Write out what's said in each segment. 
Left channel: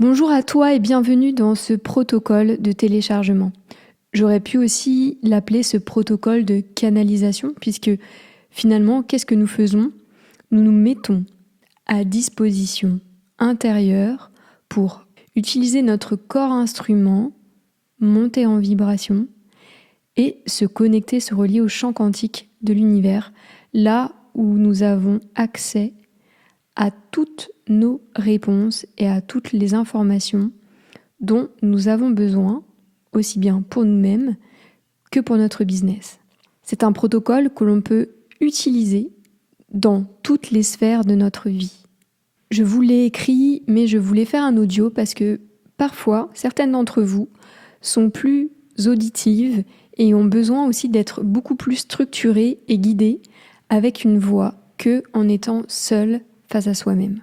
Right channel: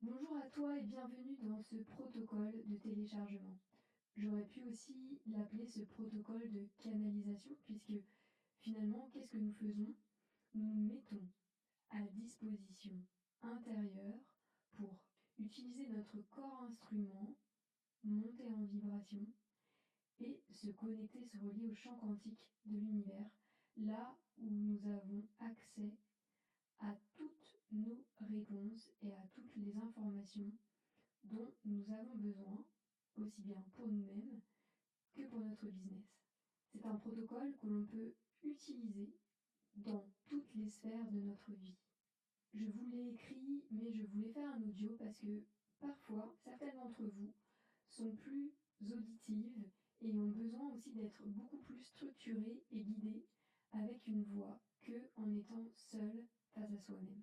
Bonjour à toi et bienvenue dans ce protocole de téléchargement. J'aurais pu aussi l'appeler ce protocole de canalisation puisque finalement, qu'est-ce que nous faisons? Nous nous mettons à disposition intérieure pour utiliser notre corps instrument, monter en vibration et se connecter, se relier au champ quantique de l'univers, là où nous avons accès à toutes nos réponses et à toutes les informations dont nous avons besoin, aussi bien pour nous-mêmes que pour notre business. C'est un protocole que l'on peut utiliser dans toutes les sphères de notre vie. Je vous l'ai écrit, mais je voulais faire un audio parce que parfois, certaines d'entre vous sont plus auditives et ont besoin aussi d'être beaucoup plus structurées et guidées avec une voix que en étant seule face à soi-même.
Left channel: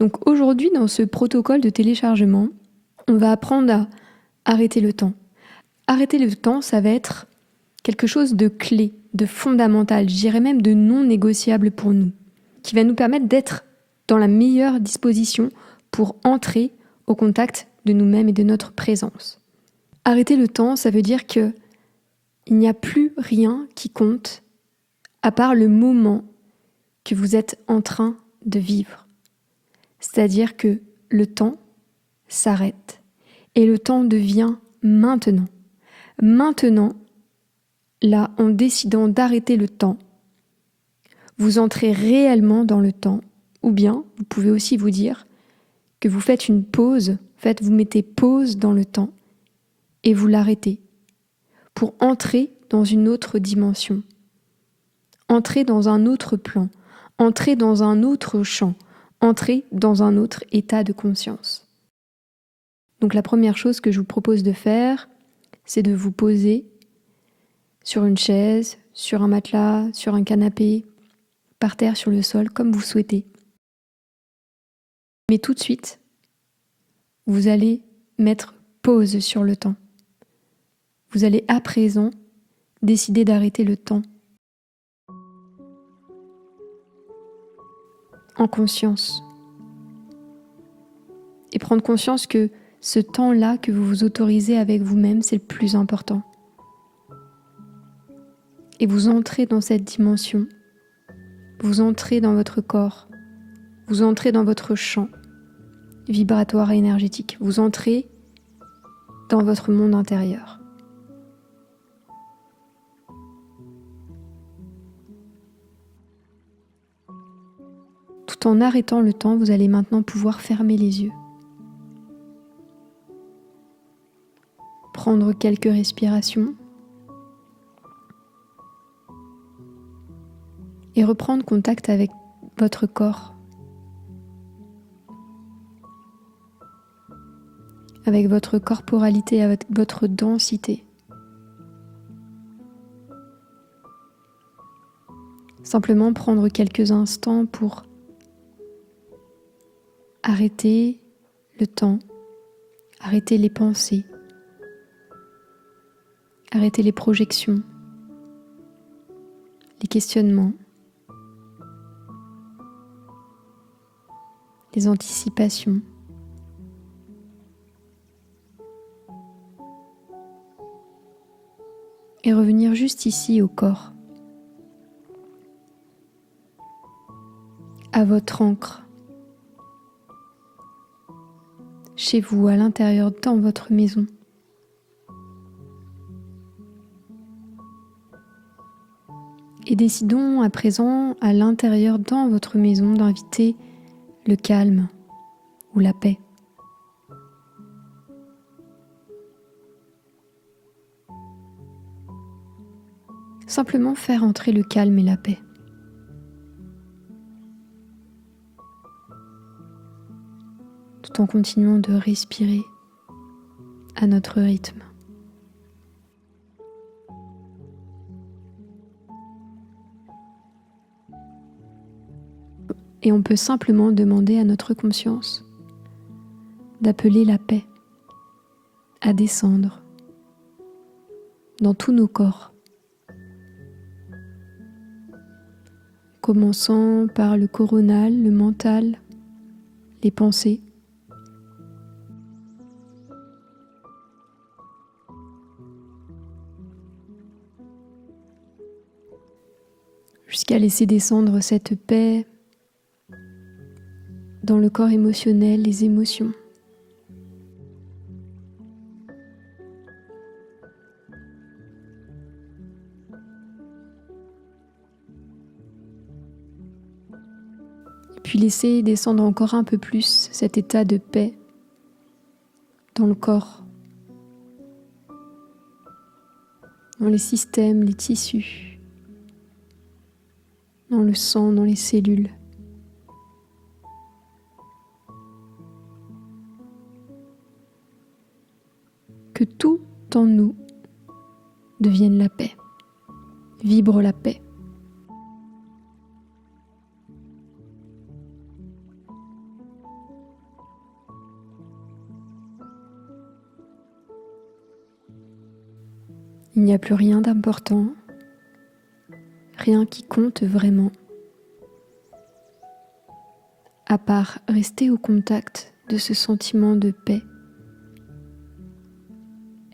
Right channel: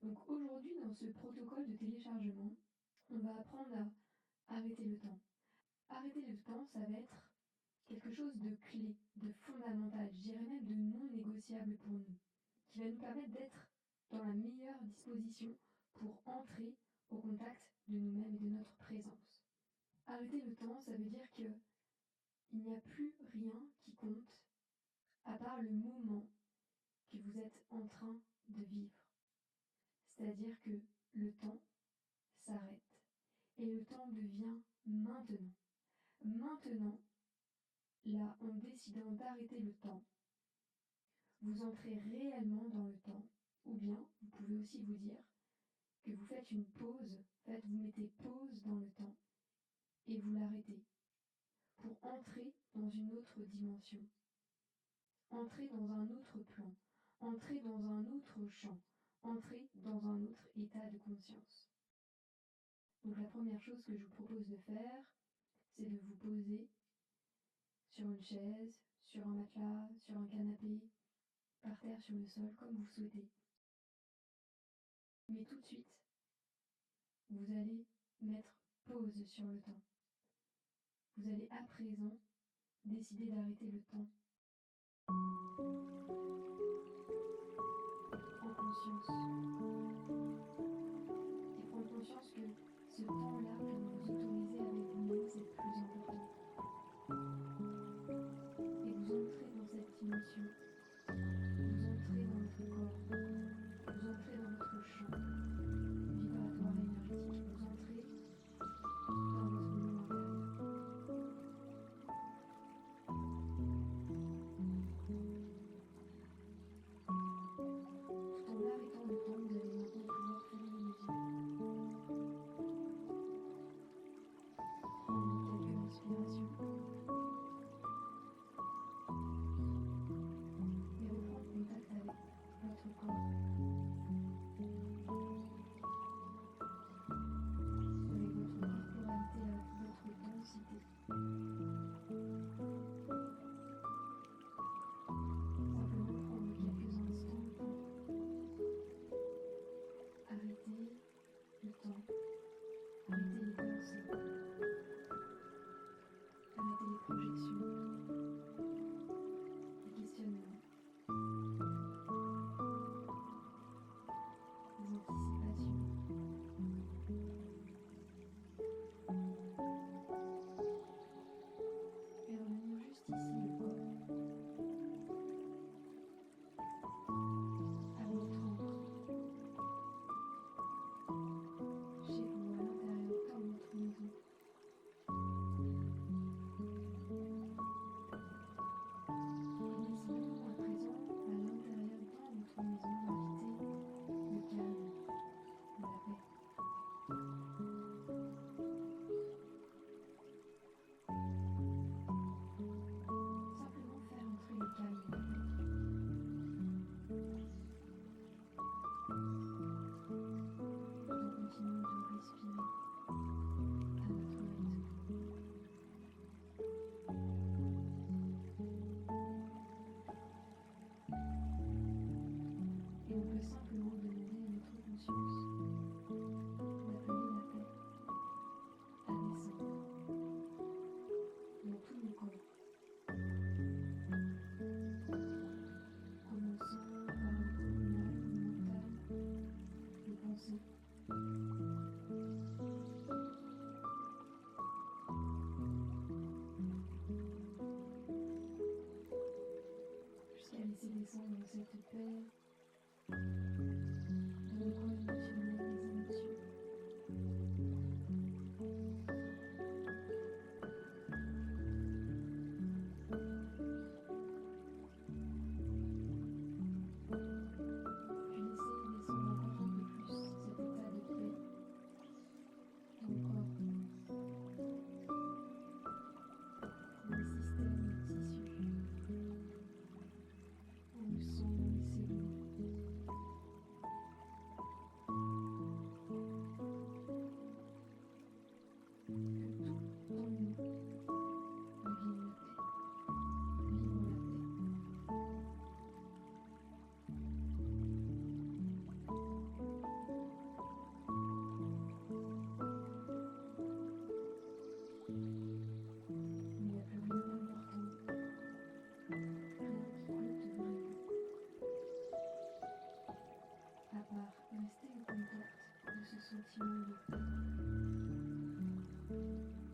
Donc aujourd'hui, dans ce protocole de téléchargement, on va apprendre à arrêter le temps. Arrêter le temps, ça va être quelque chose de clé, de fondamental, je dirais même de non négociable pour nous, qui va nous permettre d'être dans la meilleure disposition pour entrer au contact de nous-mêmes et de notre présence. Arrêter le temps, ça veut dire que il n'y a plus rien qui compte à part le moment que vous êtes en train de vivre. C'est-à-dire que le temps s'arrête et le temps devient maintenant. Maintenant, là, en décidant d'arrêter le temps, vous entrez réellement dans le temps, ou bien vous pouvez aussi vous dire que vous faites une pause, vous mettez pause dans le temps et vous l'arrêtez pour entrer dans une autre dimension, entrer dans un autre plan, entrer dans un autre champ, entrer dans un autre état de conscience. Donc la première chose que je vous propose de faire, c'est de vous poser sur une chaise, sur un matelas, sur un canapé, par terre, sur le sol, comme vous souhaitez. Mais tout de suite, vous allez mettre pause sur le temps. Vous allez à présent décider d'arrêter le temps. En conscience. Et prendre conscience que ce temps-là que vous vous autorisez avec vous-même, c'est le plus important. Et vous entrez dans cette dimension. Vous entrez dans votre corps. Vous entrez dans votre champ vibratoire et énergétique. Vous entrez dans votre monde intérieur. Tout en arrêtant le temps, vous allez maintenant pouvoir fermer les yeux. Prendre quelques respirations et reprendre contact avec votre corps, avec votre corporalité, avec votre densité. Simplement prendre quelques instants pour arrêter le temps, arrêter les pensées, arrêter les projections, les questionnements, les anticipations. Et revenir juste ici au corps, à votre ancre, chez vous, à l'intérieur, dans votre maison. Et décidons à présent, à l'intérieur, dans votre maison, d'inviter le calme ou la paix. Simplement faire entrer le calme et la paix. Tout en continuant de respirer à notre rythme. Et on peut simplement demander à notre conscience d'appeler la paix à descendre dans tous nos corps. Commençant par le coronal, le mental, les pensées, jusqu'à laisser descendre cette paix dans le corps émotionnel, les émotions. Puis laisser descendre encore un peu plus cet état de paix dans le corps, dans les systèmes, les tissus, dans le sang, dans les cellules. Que tout en nous devienne la paix, vibre la paix. Il n'y a plus rien d'important, rien qui compte vraiment, à part rester au contact de ce sentiment de paix,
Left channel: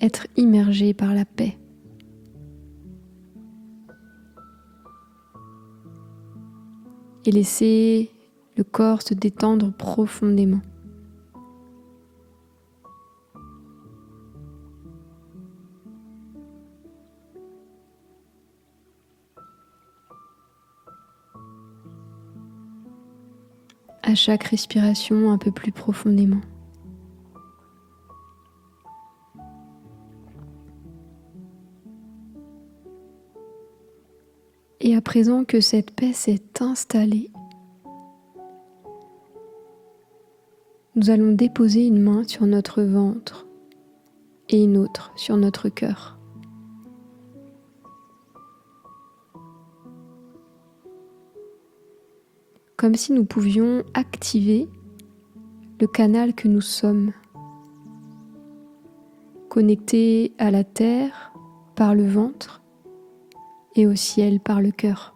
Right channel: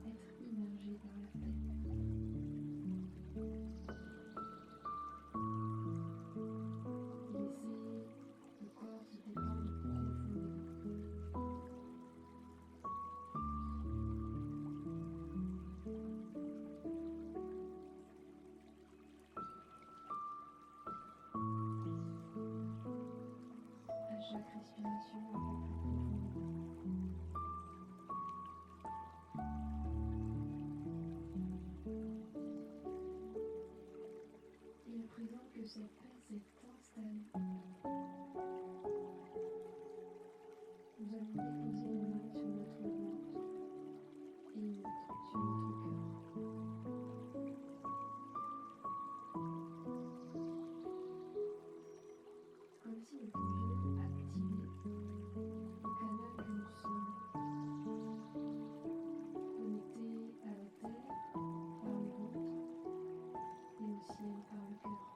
être immergé par la paix. Et laisser le corps se détendre profondément. À chaque respiration, un peu plus profondément. Et à présent que cette paix s'est installée, nous allons déposer une main sur notre ventre et une autre sur notre cœur. Comme si nous pouvions activer le canal que nous sommes, connectés à la terre par le ventre et au ciel par le cœur.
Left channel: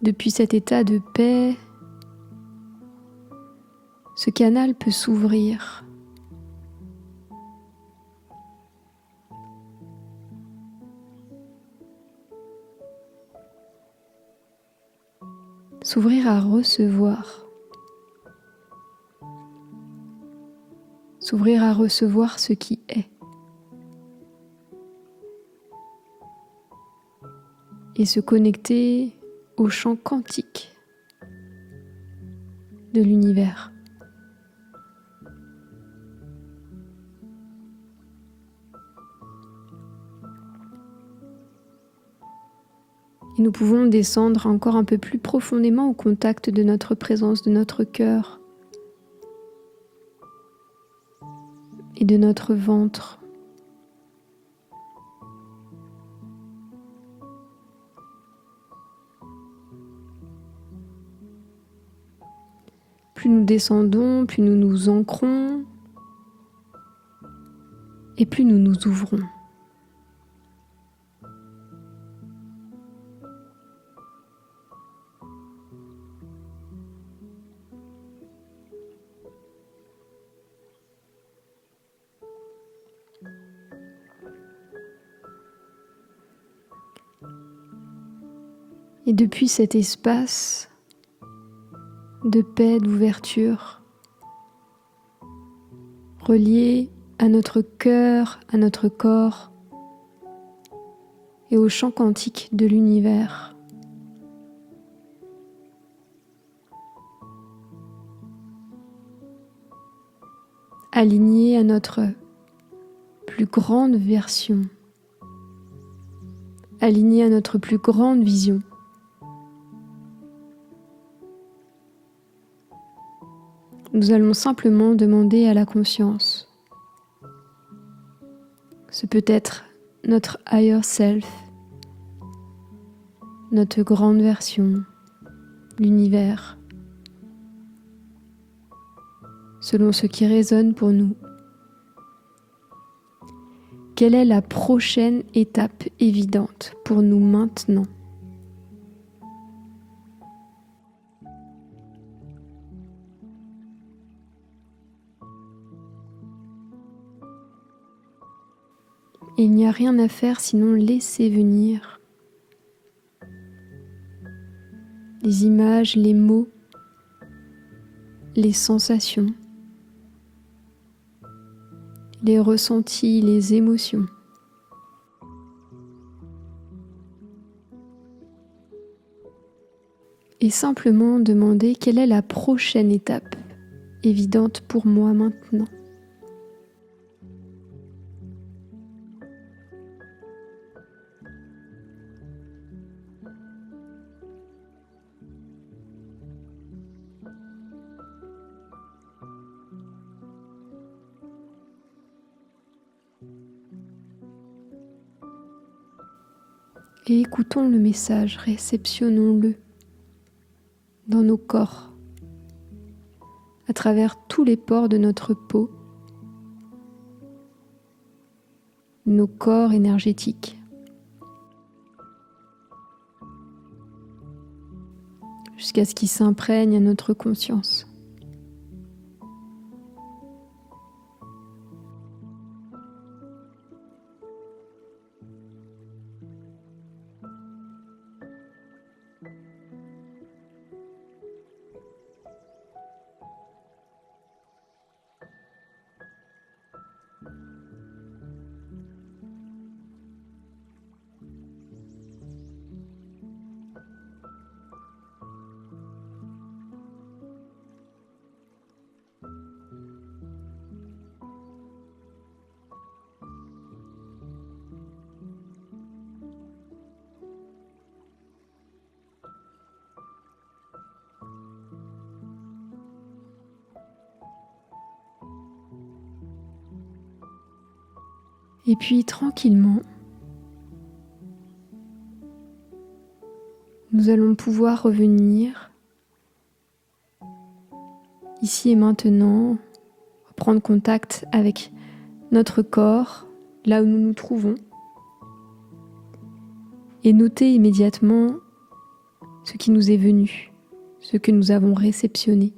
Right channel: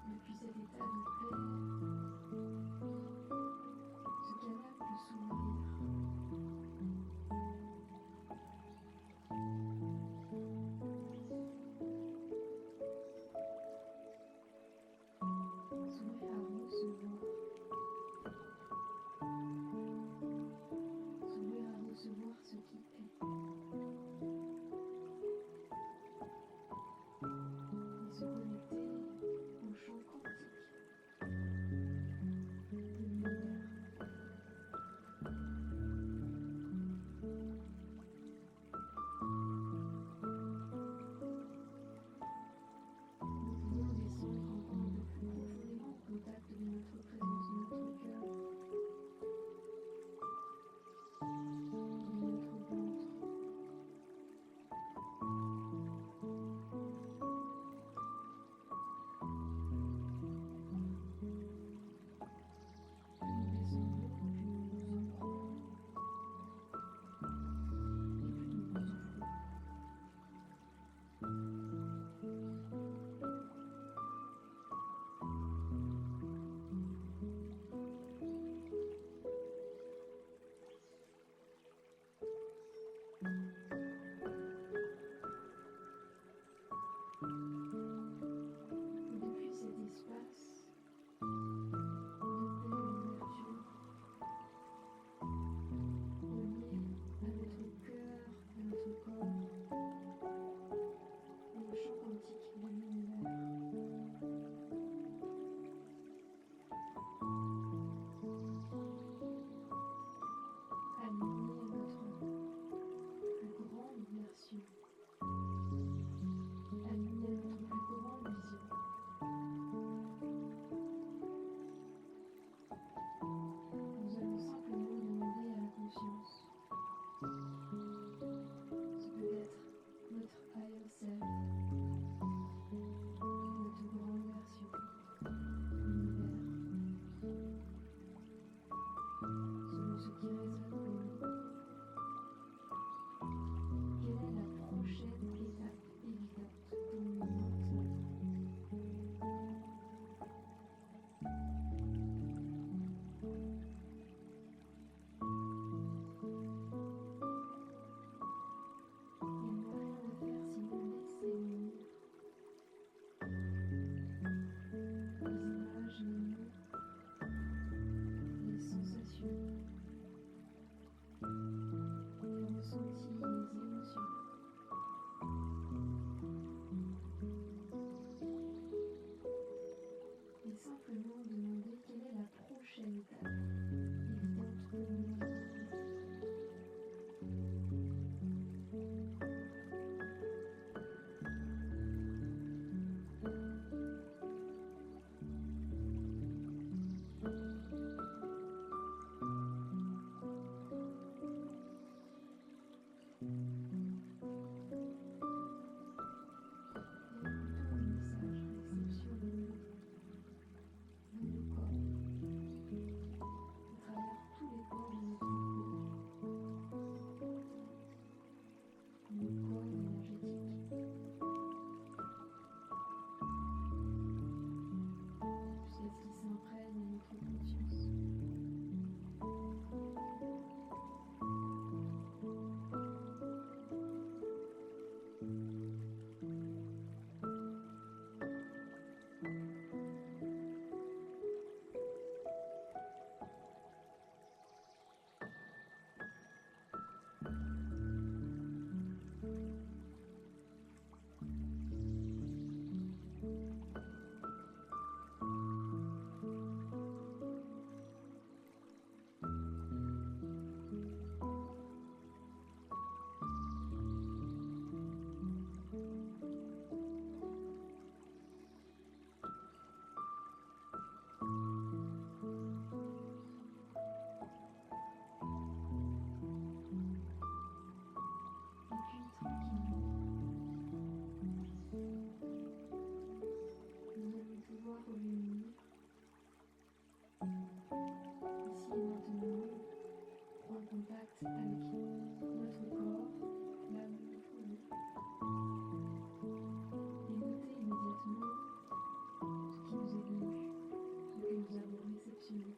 Depuis cet état de paix, ce canal peut s'ouvrir. S'ouvrir à recevoir. S'ouvrir à recevoir ce qui est. Et se connecter au champ quantique de l'univers. Et nous pouvons descendre encore un peu plus profondément au contact de notre présence, de notre cœur et de notre ventre. Plus nous descendons, plus nous nous ancrons et plus nous nous ouvrons. Et depuis cet espace de paix, d'ouverture, relié à notre cœur, à notre corps et au champ quantique de l'univers, aligné à notre plus grande version, aligné à notre plus grande vision. Nous allons simplement demander à la conscience. Ce peut être notre higher self, notre grande version, l'univers, selon ce qui résonne pour nous. Quelle est la prochaine étape évidente pour nous maintenant ? Et il n'y a rien à faire sinon laisser venir les images, les mots, les sensations, les ressentis, les émotions. Et simplement demander quelle est la prochaine étape évidente pour moi maintenant. Et écoutons le message, réceptionnons-le dans nos corps, à travers tous les pores de notre peau, nos corps énergétiques, jusqu'à ce qu'ils s'imprègnent à notre conscience. Et puis tranquillement, nous allons pouvoir revenir ici et maintenant, prendre contact avec notre corps, là où nous nous trouvons, et noter immédiatement ce qui nous est venu, ce que nous avons réceptionné.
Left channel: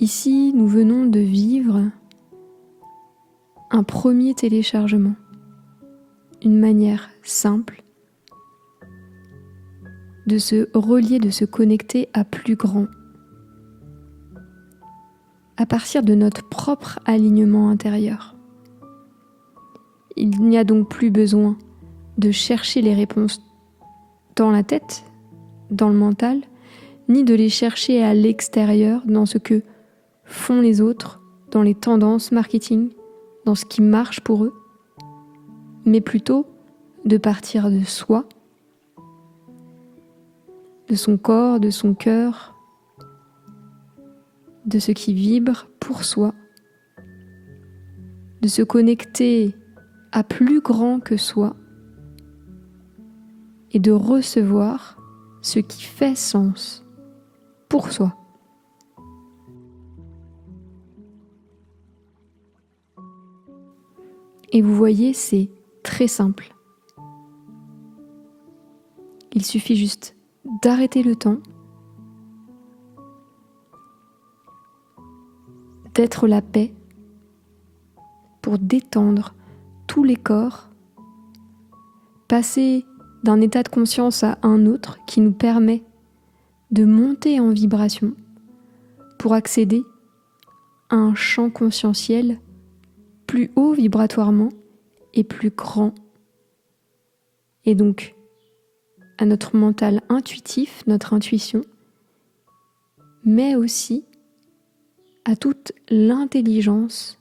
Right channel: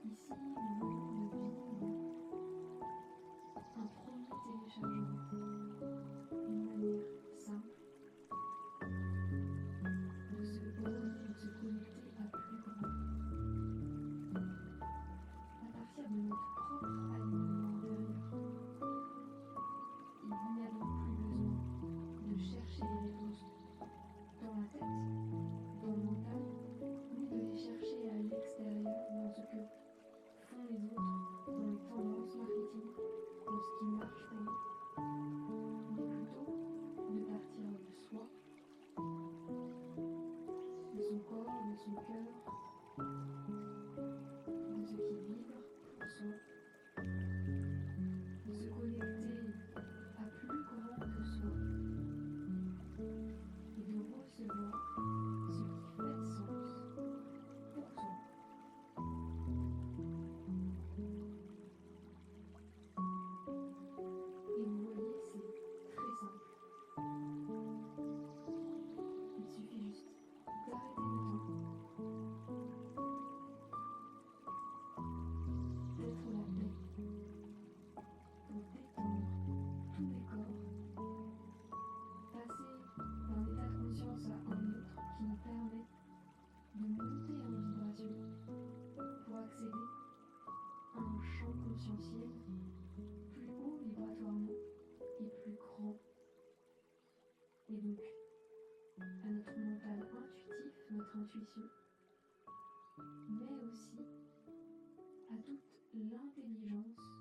Ici, nous venons de vivre un premier téléchargement, une manière simple de se relier, de se connecter à plus grand, à partir de notre propre alignement intérieur. Il n'y a donc plus besoin de chercher les réponses dans la tête, dans le mental, ni de les chercher à l'extérieur, dans ce que font les autres, dans les tendances marketing, dans ce qui marche pour eux, mais plutôt de partir de soi, de son corps, de son cœur, de ce qui vibre pour soi, de se connecter à plus grand que soi et de recevoir ce qui fait sens pour soi. Et vous voyez, c'est très simple. Il suffit juste d'arrêter le temps, d'être la paix pour détendre tous les corps, passer d'un état de conscience à un autre qui nous permet de monter en vibration pour accéder à un champ conscientiel plus haut vibratoirement et plus grand. Et donc, à notre mental intuitif, notre intuition, mais aussi à toute l'intelligence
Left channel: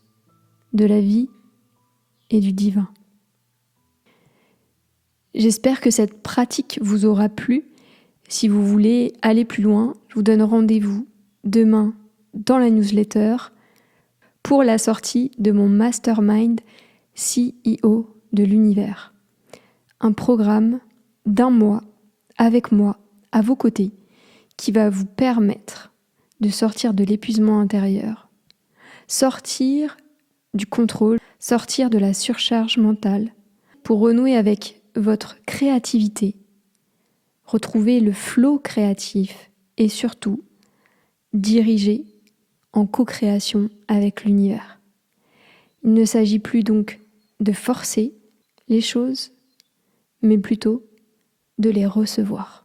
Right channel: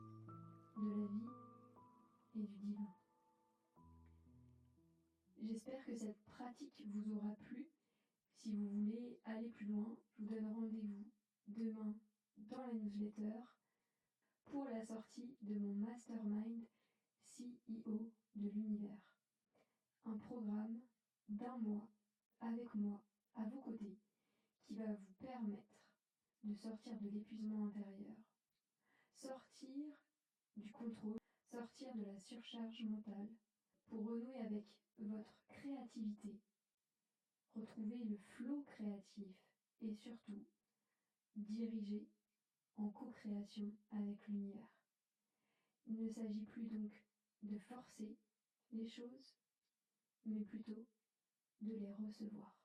de la vie et du divin. J'espère que cette pratique vous aura plu. Si vous voulez aller plus loin, je vous donne rendez-vous demain dans la newsletter pour la sortie de mon mastermind CEO de l'univers. Un programme d'1 mois avec moi à vos côtés qui va vous permettre de sortir de l'épuisement intérieur, sortir du contrôle, sortir de la surcharge mentale pour renouer avec votre créativité, retrouver le flow créatif et surtout dirigé en co-création avec l'univers. Il ne s'agit plus donc de forcer les choses, mais plutôt de les recevoir.